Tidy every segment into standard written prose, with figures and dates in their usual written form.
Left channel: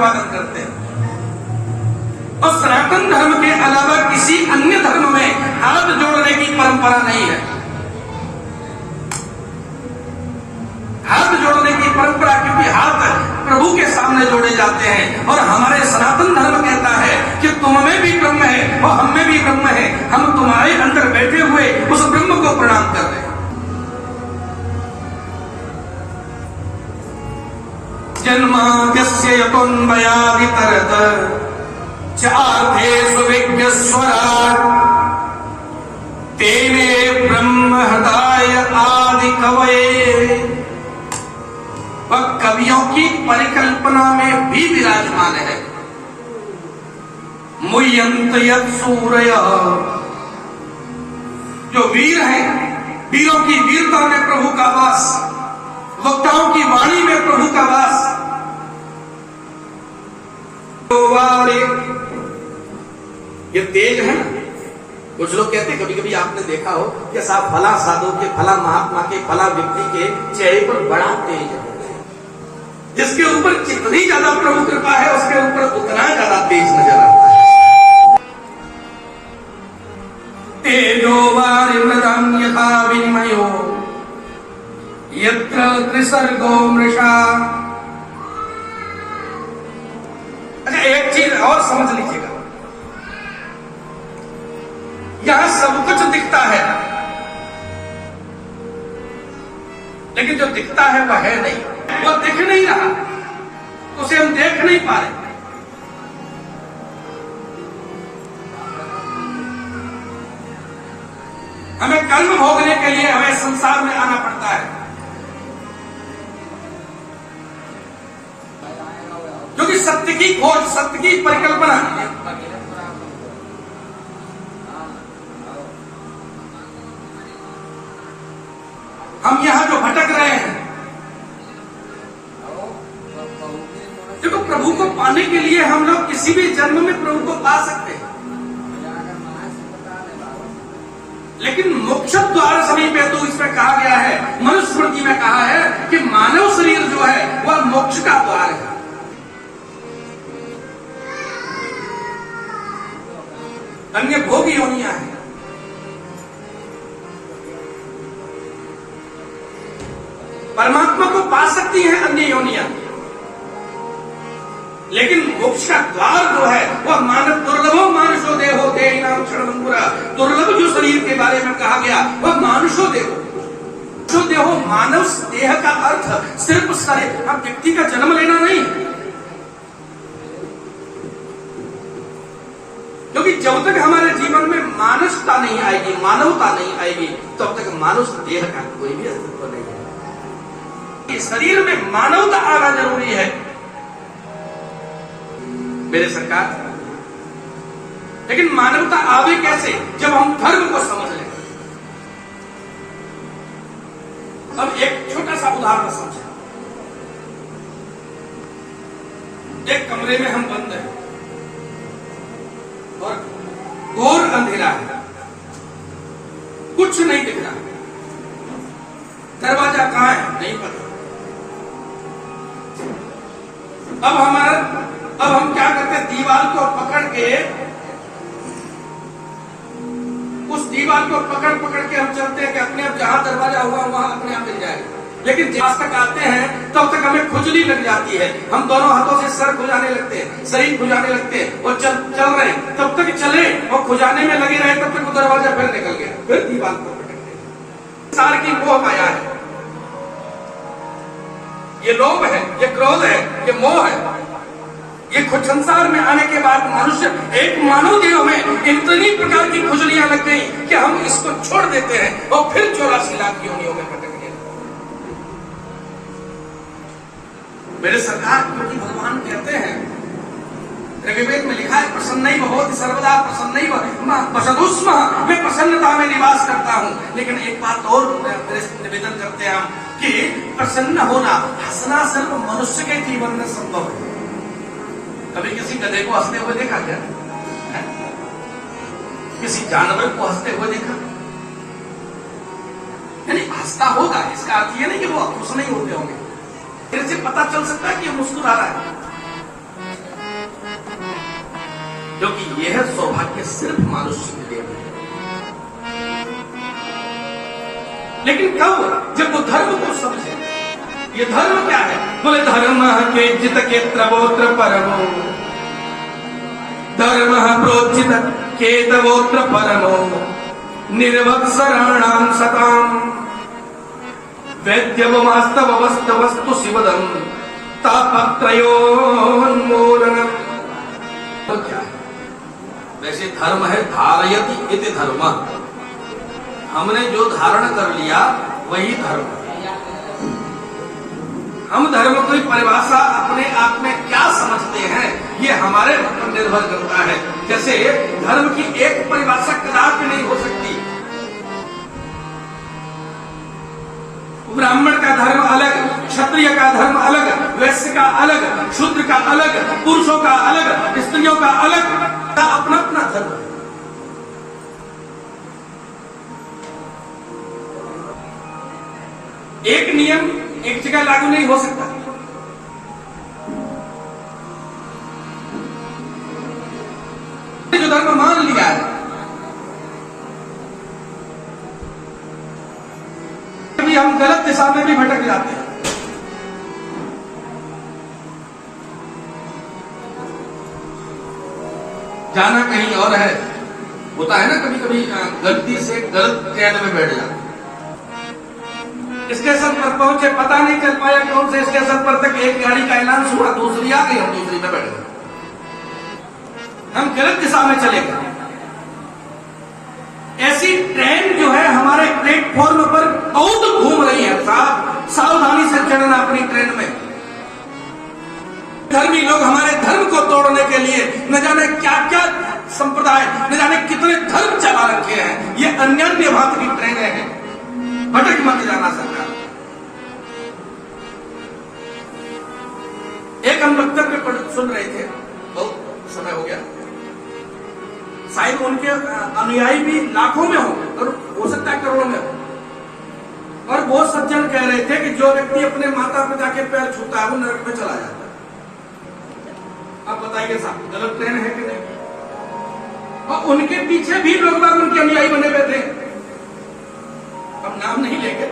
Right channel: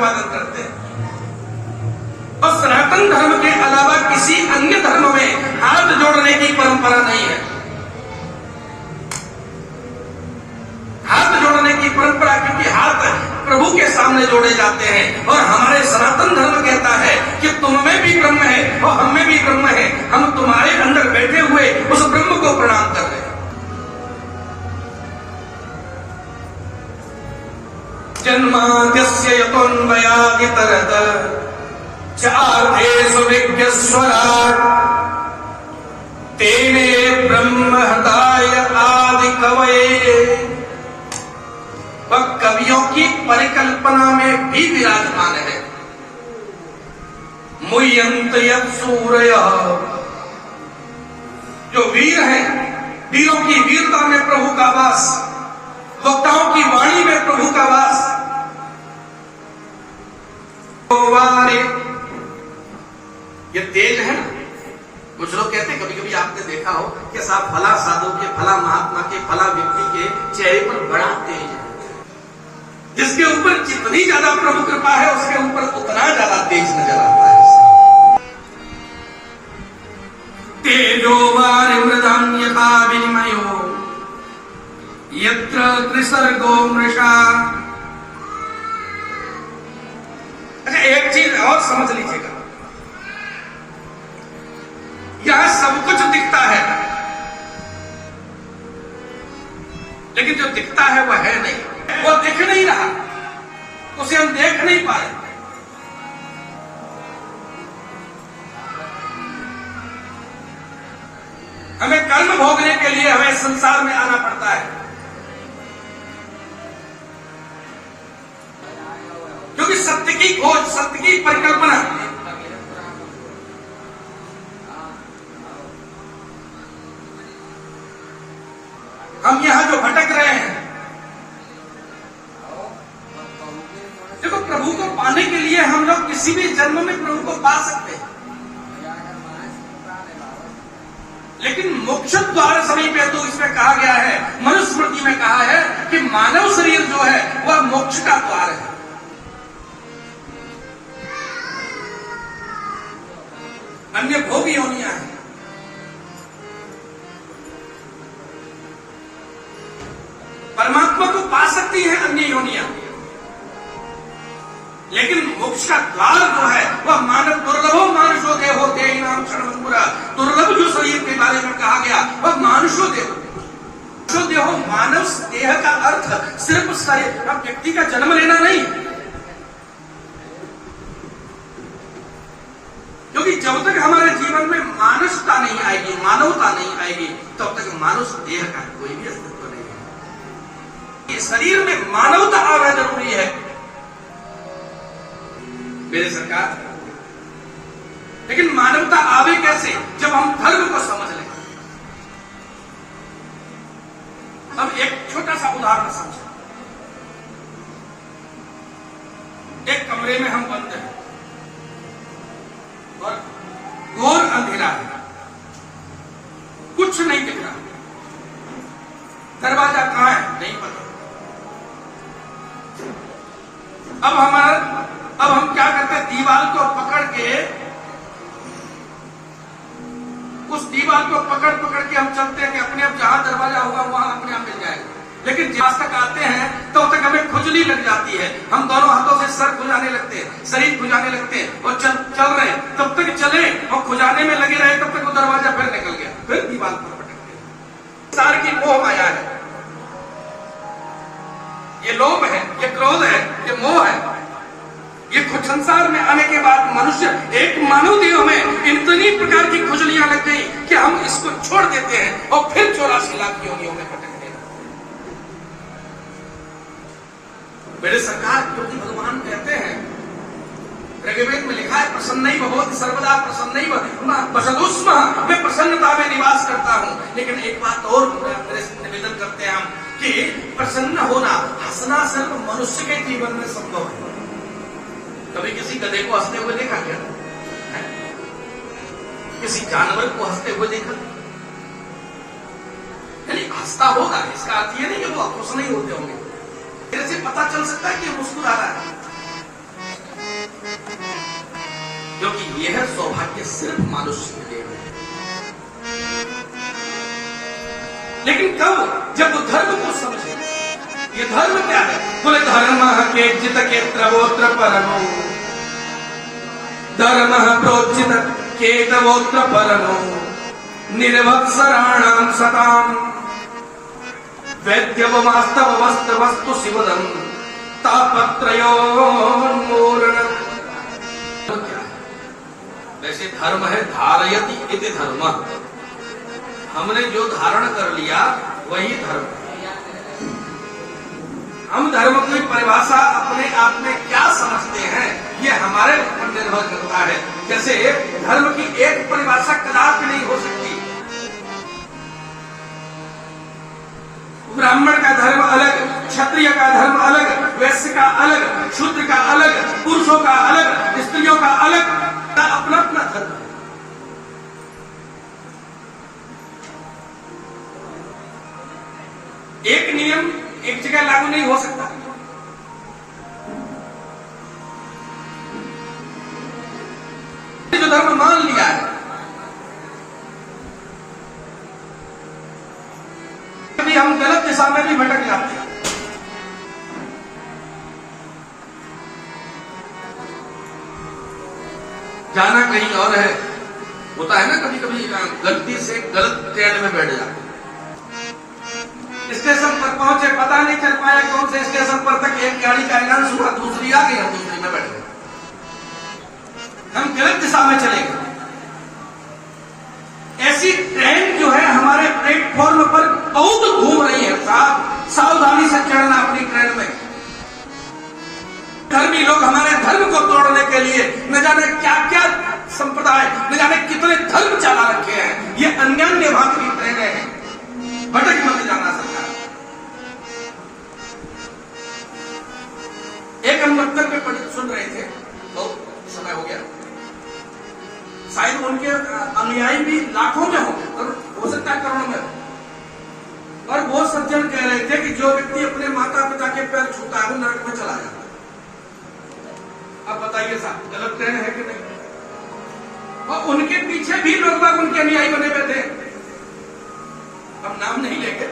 अभिवादन करते हैं। और सनातन धर्म के अलावा किसी अन्य धर्म में हाथ जोड़ने की परंपरा नहीं है। हाथ जोड़ने की परंपरा, क्योंकि हाथ प्रभु के सामने जोड़े जाते हैं और हमारे सनातन धर्म कहता है कि तुम में भी ब्रह्म है और हम में भी ब्रह्म है, हम तुम्हारे अंदर बैठे हुए उस ब्रह्म को प्रणाम कर रहे हैं। जन्माद्यस्य यतोन्मयादितरत चार्थेषु विज्ञस्वराट् तेने ब्रह्म हृदय आदि कवये। वह कवियों की परिकल्पना में भी विराजमान है। मुह्यन्त यत् सूरयः, जो वीर हैं, वीरों की वीरता में प्रभु का वास, वक्ताओं की वाणी में प्रभु का वास। ये तेल है ना, कुछ लोग कहते हैं, कभी कभी आपने देखा हो कि साहब फला साधु के, फला महात्मा के, फला व्यक्ति के चेहरे पर बड़ा तेज है। जिसके ऊपर जितनी ज्यादा प्रभु कृपा है उसके ऊपर उतना ज्यादा तेज नजर आता है। तेजो वारिमृदं यथा विनिमयो यत्र त्रिसर्गो मृषा। अच्छा, एक चीज और समझ लीजिएगा, यहां सब कुछ दिखता है, लेकिन जो दिखता है वह है नहीं, वो दिख नहीं रहा, उसे हम देख नहीं पा रहे। हमें कर्म भोगने के लिए हमें संसार में आना पड़ता है, क्योंकि सत्य की खोज, सत्य की परिकल्पना, हम यहां जो भटक रहे हैं, देखो प्रभु को पाने के लिए हम लोग किसी भी जन्म में प्रभु को पा सकते हैं, लेकिन मोक्ष द्वार समीप है, तो इसमें कहा गया है, मनुस्मृति में कहा है कि मानव शरीर जो है वह मोक्ष का द्वार है। अन्य भोग योनियां हैं, परमात्मा को पा सकती है अन्य योनियां, लेकिन मोक्ष का द्वार जो है वह मानव दुर्लभो मानुषो देहो देहिनाम क्षणभंगुरा। दुर्लभ जो शरीर के बारे में कहा गया वह मानुषो देहो। मानुषो देहो, मानव देह का अर्थ सिर्फ शरीर, अब व्यक्ति का जन्म लेना नहीं, क्योंकि जब तक हमारे जीवन में मानवता नहीं आएगी, मानवता नहीं आएगी, तब तक मानुष देह का कोई भी अस्तित्व नहीं है। इस शरीर में मानवता आना जरूरी है मेरे सरकार, लेकिन मानवता आवे कैसे? जब हम धर्म को समझ लें। अब एक छोटा सा उदाहरण समझें। एक कमरे में हम बंद हैं और घोर अंधेरा है, कुछ नहीं दिख रहा, दरवाजा कहां है नहीं पता। अब हम क्या करते हैं, दीवार को पकड़ के, उस दीवार को पकड़ के हम चलते हैं कि अपने आप जहां दरवाजा हुआ वहां अपने आप मिल जाएगा। लेकिन जहां तक आते हैं तब तक हमें खुजली लग जाती है, हम दोनों हाथों से सर खुजाने लगते हैं, शरीर खुजाने लगते हैं और चल रहे हैं, तब तक चले और खुजाने में लगे रहे, तब तक वो दरवाजा फिर निकल गया, फिर दीवार पर पटक गया। संसार की मोह माया है, ये लोभ है, ये क्रोध है, ये मोह है। ये खुद संसार में आने के बाद मनुष्य, एक मानव देह में इतनी प्रकार की खुजलियां लग गई कि हम इसको छोड़ देते हैं और फिर 84 लाख योनियों में भटकते हैं। मेरे सरकार, क्योंकि भगवान कहते हैं, ऋग्वेद में लिखा है, प्रसन्नैव भवति सर्वदा प्रसन्नैव वसतुस्म, मैं प्रसन्नता में निवास करता हूं। लेकिन एक बात और निवेदन करते हैं हम कि प्रसन्न होना, हंसना सिर्फ मनुष्य के जीवन में संभव है। कभी किसी गधे को हंसते हुए देखा क्या? किसी जानवर को हंसते हुए देखा? यानी हंसता होगा, इसका अर्थ ये नहीं कि वो खुश नहीं होते होंगे। फिर से पता चल सकता है कि मुस्कुरा रहा है, क्योंकि यह सौभाग्य सिर्फ मनुष्य के लिए है। लेकिन कब? जब वो धर्म को समझे। ये धर्म क्या है? बोले धर्म के जित के त्रवोत्र परमो, धर्म प्रोचित केतवोत्र परमो, निर्वत्सराणाम सताम वैद्यवमास्तव वस्तु शिवदम तापत्रयोन्मूलनम। तो क्या है? वैसे धर्म है धारयति इति धर्म। हमने जो धारण कर लिया वही धर्म है। हम धर्म की परिभाषा अपने आप में क्या समझते हैं ये हमारे ऊपर निर्भर करता है। जैसे धर्म की एक परिभाषा कदापि नहीं हो सकती। ब्राह्मण का धर्म अलग, क्षत्रिय का धर्म अलग, वैश्य का अलग, शूद्र का अलग, पुरुषों का अलग, स्त्रियों का अलग, का अपना अपना धर्म है। एक नियम एक जगह लागू नहीं हो सकता। जो धर्म मान लिया है, कभी हम गलत दिशा में भी भटक जाते हैं। जाना कहीं और है। होता है ना कभी कभी गलती से गलत ट्रेन में बैठ जाते। स्टेशन पर पहुंचे, पता नहीं चल पाया कौन से स्टेशन पर तक एक गाड़ी का ऐलान हुआ, दूसरी आ गई, हम दूसरी में बैठ गए। हम गलत दिशा में चले गए। ऐसी ट्रेन जो है हमारे प्लेटफॉर्म पर बहुत घूम रही है। सावधानी से चढ़ना अपनी ट्रेन में। धर्मी लोग हमारे धर्म को तोड़ने के लिए न जाने क्या क्या संप्रदाय, न जाने कितने धर्म चला रखे हैं। ये अन्य भांति की ट्रेनें हैं। भटक मत जाना सरकार। एक हम वक्तव्य पर सुन रहे थे, बहुत समय हो गया। शायद उनके अनुयायी भी लाखों में होंगे और हो सकता है करोड़ों में हो। और बहुत सज्जन कह रहे थे कि जो व्यक्ति अपने माता पिता के पैर छूता है वो नरक में चला जाता है। अब बताइए साहब, गलत ट्रेन है कि नहीं? और उनके पीछे भी लोग बाग उनके अनुयायी बने हुए थे। अब नाम नहीं लेंगे।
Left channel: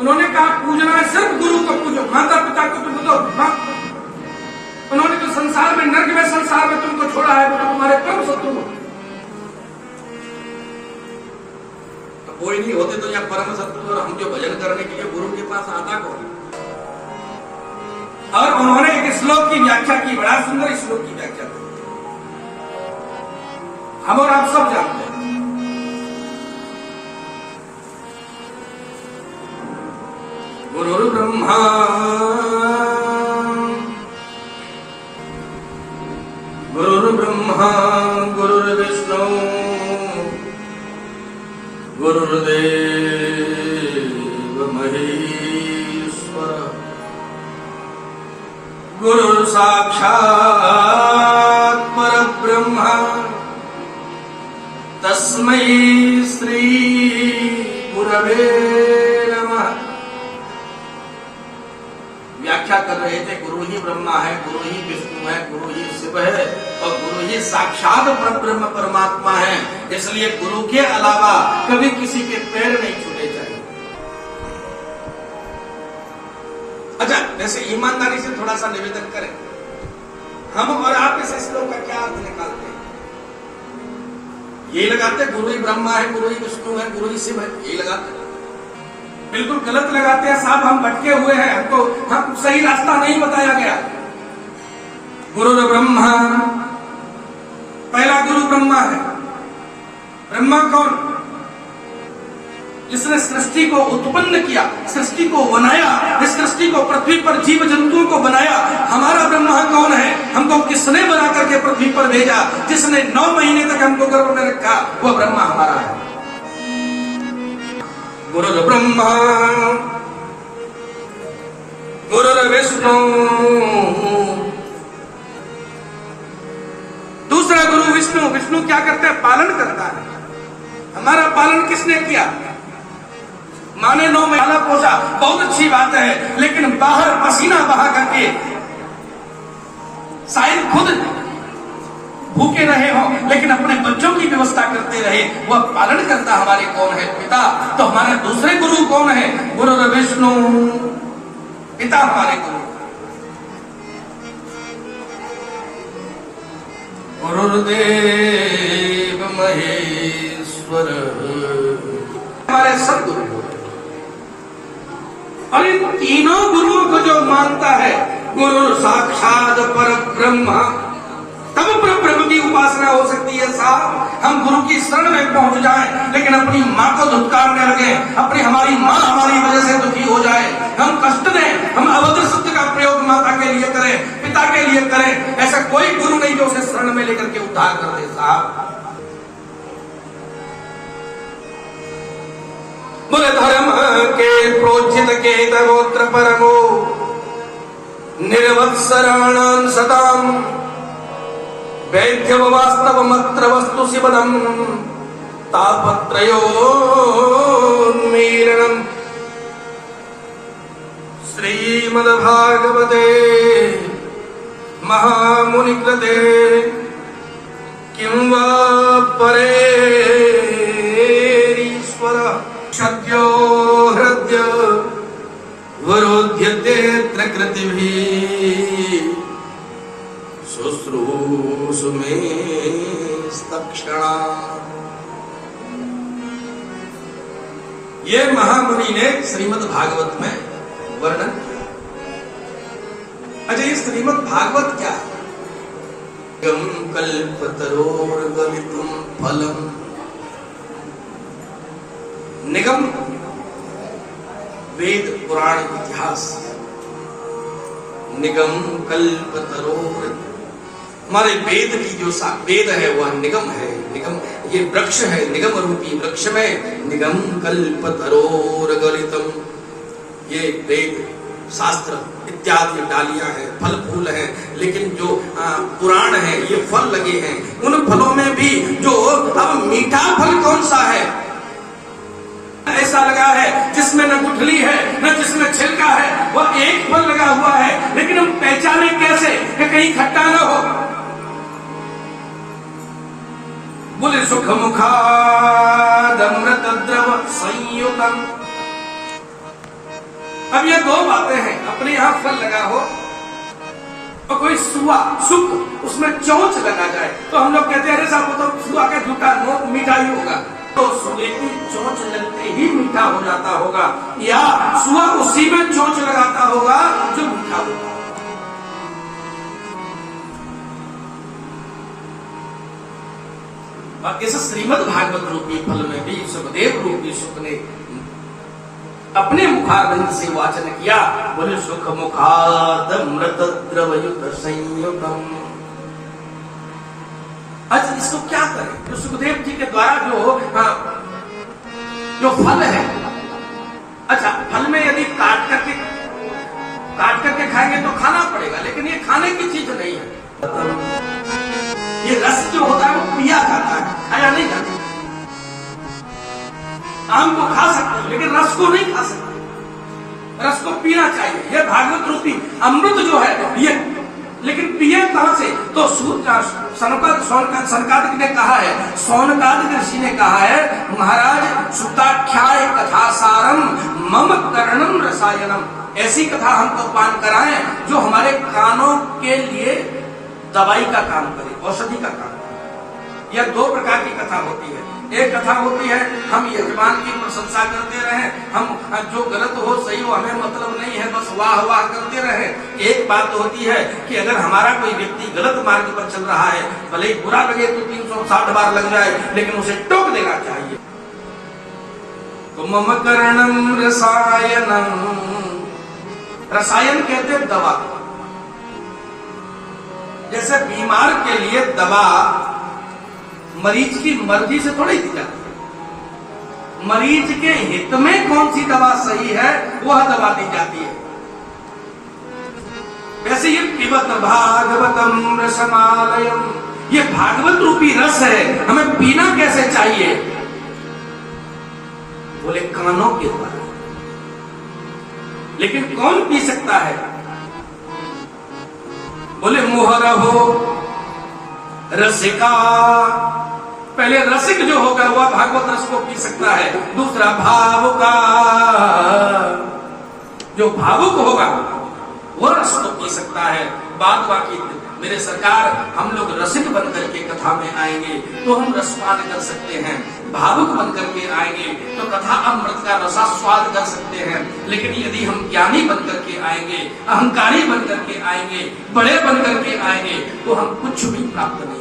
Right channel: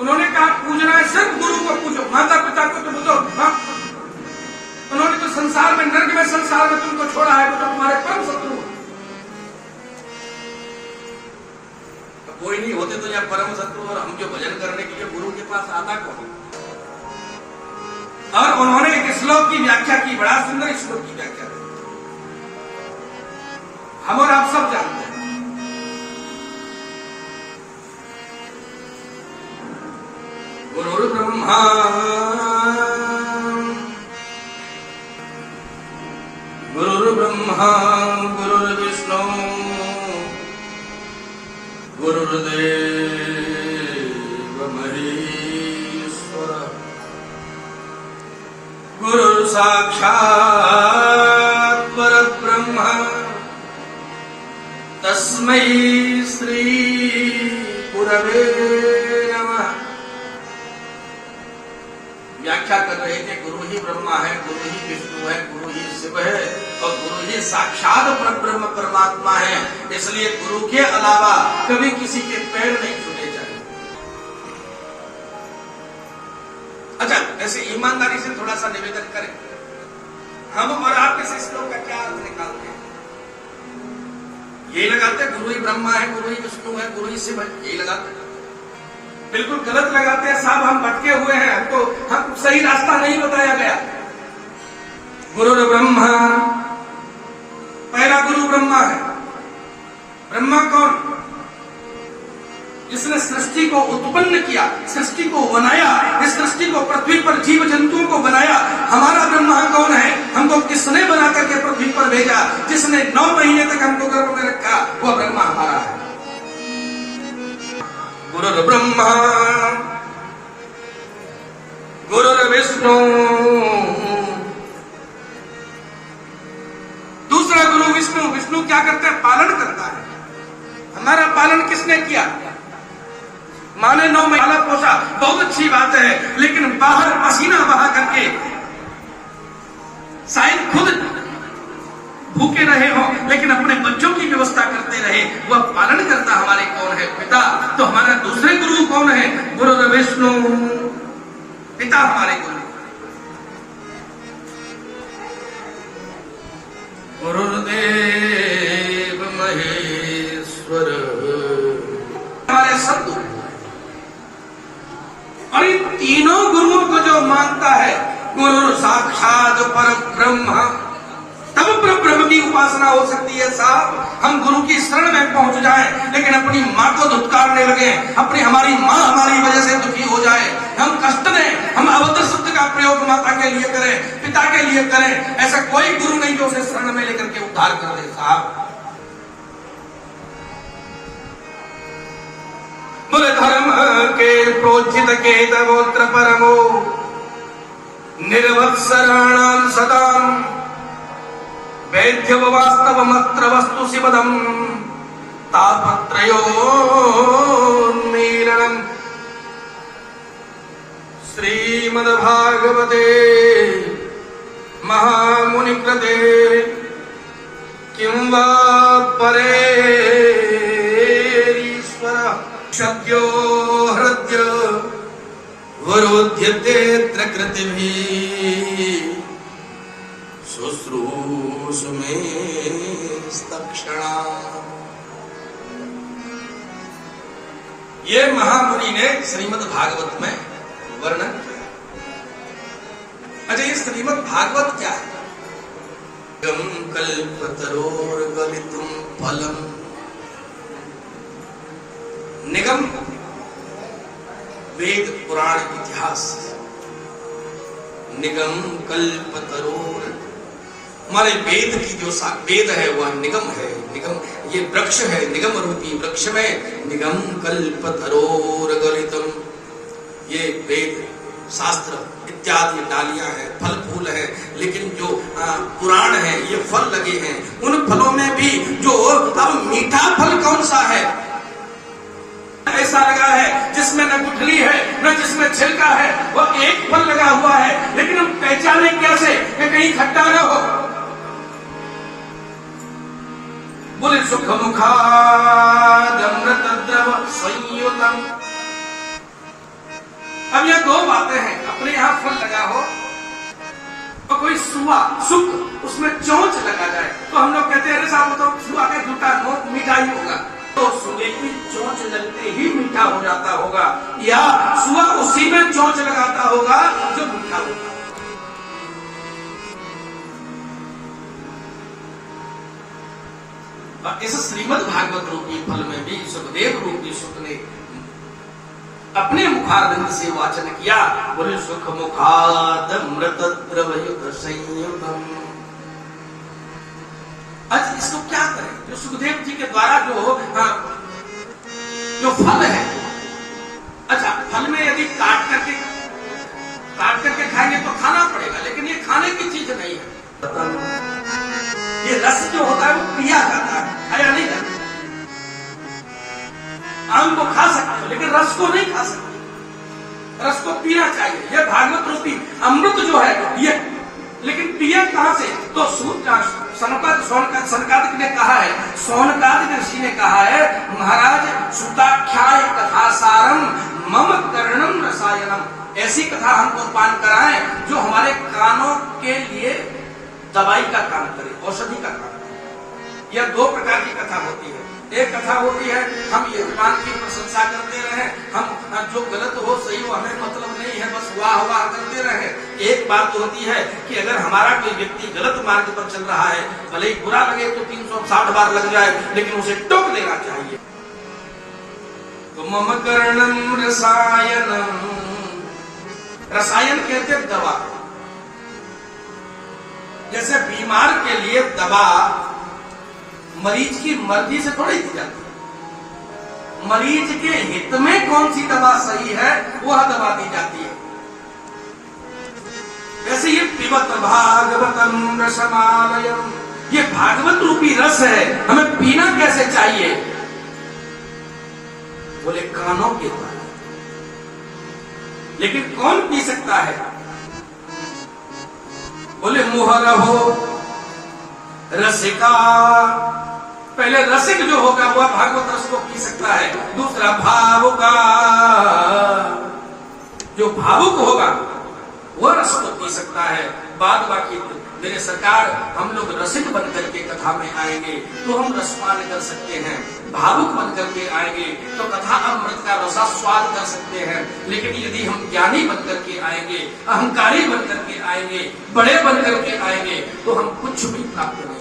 उन्होंने कहा पूजना है सिर्फ गुरु को पूजो, माता पिता को तो पूजो। उन्होंने तो संसार में, नर्क में संसार में तुमको छोड़ा है वो तो तुम्हारे परम शत्रु हो। तो कोई नहीं होते तो यहाँ परम शत्रु, और हम जो भजन करने के लिए गुरु के पास आता कौन? और उन्होंने एक श्लोक की व्याख्या की, बड़ा सुंदर श्लोक की व्याख्या की, हम और आप सब जानते हैं। गुरुर् ब्रह्मा गुरुर्ब्रह्मा गुरुर्विष्णु गुरुर्देव महेश्वर गुरुर्साक्षात् परब्रह्म तस्मै श्री गुरवे नमः। व्याख्या कर रहे थे, गुरु ही ब्रह्मा है, गुरु ही विष्णु है, गुरु ही शिव है और गुरु ही साक्षात परब्रह्म परमात्मा है। इसलिए गुरु के अलावा कभी किसी के पैर नहीं छूने चाहिए। अच्छा, वैसे ईमानदारी से थोड़ा सा निवेदन करें, हम और आप इस श्लोक का क्या अर्थ निकालते हैं? ये लगाते गुरु ही ब्रह्मा है, गुरु ही विष्णु है, गुरु ही शिव है, ये लगाते? बिल्कुल गलत लगाते हैं साहब। हम भटके हुए हैं, हमको हम सही रास्ता नहीं बताया गया। गुरु ब्रह्मा, पहला गुरु ब्रह्मा है। ब्रह्मा कौन? जिसने सृष्टि को उत्पन्न किया, सृष्टि को बनाया, इस सृष्टि को पृथ्वी पर जीव जंतुओं को बनाया। हमारा ब्रह्मा कौन है? हमको किसने बना करके पृथ्वी पर भेजा? जिसने 9 महीने तक हमको गर्भ में रखा, वह ब्रह्मा हमारा है। गुरुर् ब्रह्मा गुरुर् विष्णु। दूसरा गुरु विष्णु। विष्णु क्या करते हैं? पालन करता है। हमारा पालन किसने किया? माँ ने 9 महीना पोसा, बहुत अच्छी बात है, लेकिन बाहर पसीना बहा करके शायद खुद भूखे रहे हो, लेकिन अपने बच्चों की व्यवस्था करते रहे, वह पालन करता हमारे कौन है? पिता। तो हमारे दूसरे गुरु कौन है? गुरु विष्णु, पिता हमारे गुरु। गुरुदेव महेश्वर हमारे सदगुरु। और इन तीनों गुरुओं को जो मानता है, गुरु साक्षात पर ब्रह्म, तब ब्रह्म की उपासना हो सकती है। साहब, हम गुरु की शरण में पहुंच जाएं, लेकिन अपनी माँ को धुतकारने लगे, अपनी हमारी माँ हमारी वजह से दुखी हो जाए, हम कष्ट दें, हम अभद्र शब्द का प्रयोग माता के लिए करें, पिता के लिए करें, ऐसा कोई गुरु नहीं जो उसे शरण में लेकर के उद्धार कर दे। साहब, बोले धर्म के प्रोचित के तवोत्र परमो निर्वत्सराणां सदाम वैद्य वास्तव मत्र वस्तु शिवदम तापत्रयोन्मीलनम्। श्रीमद्भागवते महामुनिकृते किं वा परे ईश्वर सद्यो हृद्य वरोध्यतेऽत्र कृतिभिः शुश्रूषु मे स्तक्षणा। ये महामुनि ने श्रीमद् भागवत में वर्णन। अच्छा, ये श्रीमद् भागवत क्या है? निगम कल्पतरोर्गलितुम फलम। निगम वेद पुराण इतिहास, निगम कल्पतरोर, हमारे वेद की जो वेद है वह निगम है। निगम ये वृक्ष है, निगम रूपी वृक्ष में निगम कल्पतरोर गलितम, ये वेद शास्त्र इत्यादि डालियां हैं, फल फूल है, लेकिन जो पुराण है ये फल लगे हैं। उन फलों में भी जो अब मीठा फल कौन सा है? ऐसा लगा है जिसमें न गुठली है न जिसमें छिलका है, वह एक फल लगा हुआ है, लेकिन हम पहचाने कैसे कि कहीं खट्टा न हो? बोले सुख मुखाद अमृत द्रव संयुतम। अब ये दो बातें हैं, अपने यहां फल लगा हो और कोई सुआ सुख उसमें चोंच लगा जाए तो हम लोग कहते हैं अरे साहब वो तो सुआ का झूठा नोट मीठा ही होगा। तो सुए की चोंच लगते ही मीठा हो जाता होगा, या सुआ उसी में चोंच लगाता होगा जो मीठा होगा। और इस श्रीमद् भागवत रूपी फल में भी सुखदेव रूपी सुख ने अपने मुखारविंद से वाचन किया। बोले सुख मुखाद अमृत द्रवयुत संयुतम। अच्छा, इसको क्या करें? जो सुखदेव जी के द्वारा जो फल है, अच्छा फल में यदि काट करके खाएंगे तो खाना पड़ेगा, लेकिन ये खाने की चीज नहीं है। ये रस जो होता है वो पिया जाता है, खाया नहीं जाता। आम को खा सकते हैं लेकिन रस को नहीं खा सकते, रस को पीना चाहिए। यह भागवत रूपी अमृत जो है ये, लेकिन पिए कहां से? तो सनकादिक ने कहा है, सौनकादिक ऋषि ने कहा है, महाराज सुताख्याय कथा सारम मम कर्णम रसायनम। ऐसी कथा हमको पान कराएं जो हमारे कानों के लिए दवाई का काम करे, औषधि का काम करे। यह दो प्रकार की कथा होती है। एक कथा होती है हम यजमान की प्रशंसा करते रहे, हम जो गलत हो सही हो हमें मतलब नहीं है, बस वाह वाह करते रहे। एक बात होती है कि अगर हमारा कोई व्यक्ति गलत मार्ग पर चल रहा है, भले ही बुरा लगे तो 360 बार लग जाए, लेकिन उसे टोक देना चाहिए। तो मम कर्णम रसायनम, रसायन कहते हैं दवा। जैसे बीमार के लिए दवा मरीज की मर्जी से थोड़ी दी जाती है, मरीज के हित में कौन सी दवा सही है वह दवा दी जाती है। वैसे ये पिबत भागवतम रसमालयम, ये भागवत रूपी रस है, हमें पीना कैसे चाहिए? बोले कानों के द्वारा। लेकिन कौन पी सकता है? बोले मोहर हो रसिका। पहले रसिक जो होगा वह भागवत रस को पी सकता है। दूसरा भावुका, जो भावुक होगा वह रस को पी सकता है। बाद बाकी मेरे सरकार हम लोग रसिक बनकर के कथा में आएंगे तो हम रसपान कर सकते हैं, भावुक बनकर के आएंगे तो कथा अमृत का रसास्वाद कर सकते हैं। लेकिन यदि हम ज्ञानी बनकर के आएंगे, अहंकारी बनकर के आएंगे, बड़े बनकर के आएंगे तो हम कुछ भी प्राप्त नहीं